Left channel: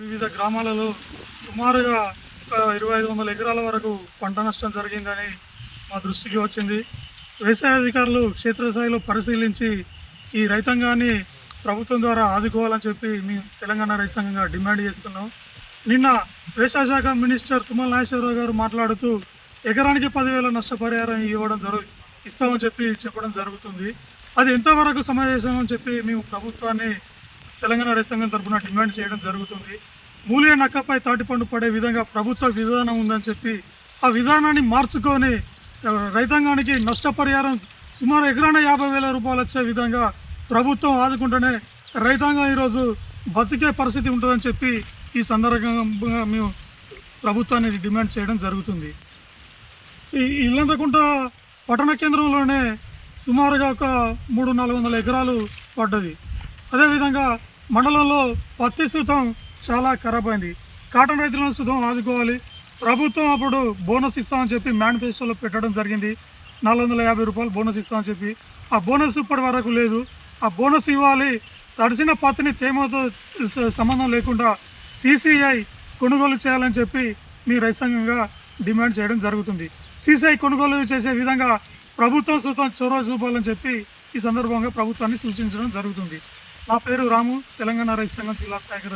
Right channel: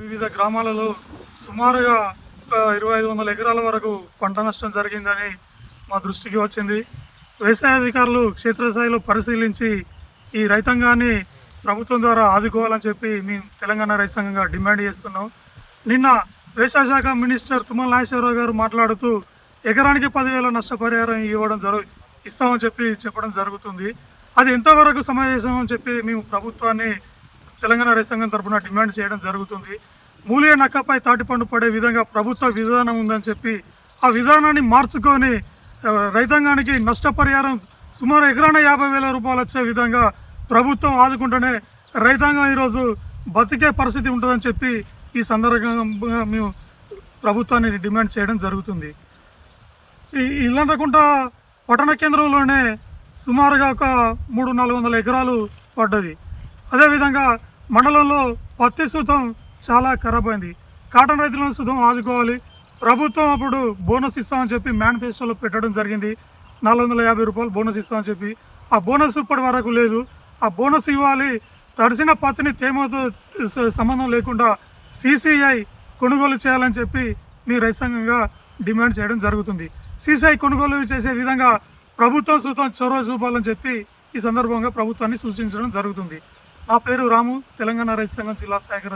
వివిధ గ్రామాలలో సుమారుగా 2500 ఎకరాల వరకు పంట నష్టం జరిగిందని మా దృష్టికి వచ్చింది. వ్యవసాయ అధికారులు క్షేత్రస్థాయిలో పరిశీలించి ఈ రైతాంగాన్ని ప్రభుత్వం ద్వారా ఆదుకోవాలని చెప్పి మేము తెలంగాణ రైతు సంఘంగా డిమాండ్ చేస్తున్నాం. నిన్న వ్యవసాయ శాఖ మినిస్టర్ తుమ్మల నాగేశ్వరరావు గారు మాట్లాడుతూ ఎకరానికి 10,000 నష్టపరిహారం ఇస్తామని చెప్పడం జరుగుతుంది. అది ఎంతవరకు సమావేశం అని చెప్పి మేము ప్రభుత్వాన్ని తెలంగాణ రైతు సంఘం తరఫున డిమాండ్ చేయడం జరుగుతుంది. మూలియ నక్కపై తాటిపండు పడే విధంగా ప్రభుత్వ విధానం ఉందని చెప్పి ఆ విధానాన్ని మార్చుకొని రైతాంగానికి నష్టపరిహారం సుమారు ఎకరాన 50,000 రూపాయలు వచ్చే విధంగా ప్రభుత్వం ఆదుకుంటూనే రైతాంగం ఈరోజు బతికే పరిస్థితి ఉంటుందని చెప్పి ఈ సందర్భంగా మేము ప్రభుత్వాన్ని డిమాండ్ చేయడం జరుగుతుంది. ఇల్లంతకుంట పట్టణ కేంద్రంలోనే సుమారుగా ఒక 300-400 ఎకరాలు పడ్డది. అదేవిధంగా మండలంలో పత్తి సుతం చాలా ఖరాబ్ అయింది. కాటన్ రైతులను సుతం ఆదుకోవాలి. ప్రభుత్వం అప్పుడు బోనస్ ఇస్తామని చెప్పి మేనిఫెస్టోలో పెట్టడం జరిగింది. 450 రూపాయలు బోనస్ ఇస్తామని చెప్పి ఆ బోనస్ ఇప్పటి వరకు లేదు. ఆ బోనస్ ఇవ్వాలి. తడిసిన పత్తిని తేమతో సంబంధం లేకుండా CCI కొనుగోలు చేయాలని చెప్పి మీ రైతు సంఘంగా డిమాండ్ చేయడం జరుగుతుంది. CCI కొనుగోలు చేసే విధంగా ప్రభుత్వం సుతం చొరవ చూపాలని చెప్పి ఈ సందర్భంగా ప్రభుత్వాన్ని సూచించడం జరుగుతుంది. నా పేరు రాము, తెలంగాణ రైతు సంఘం జిల్లా సహాయక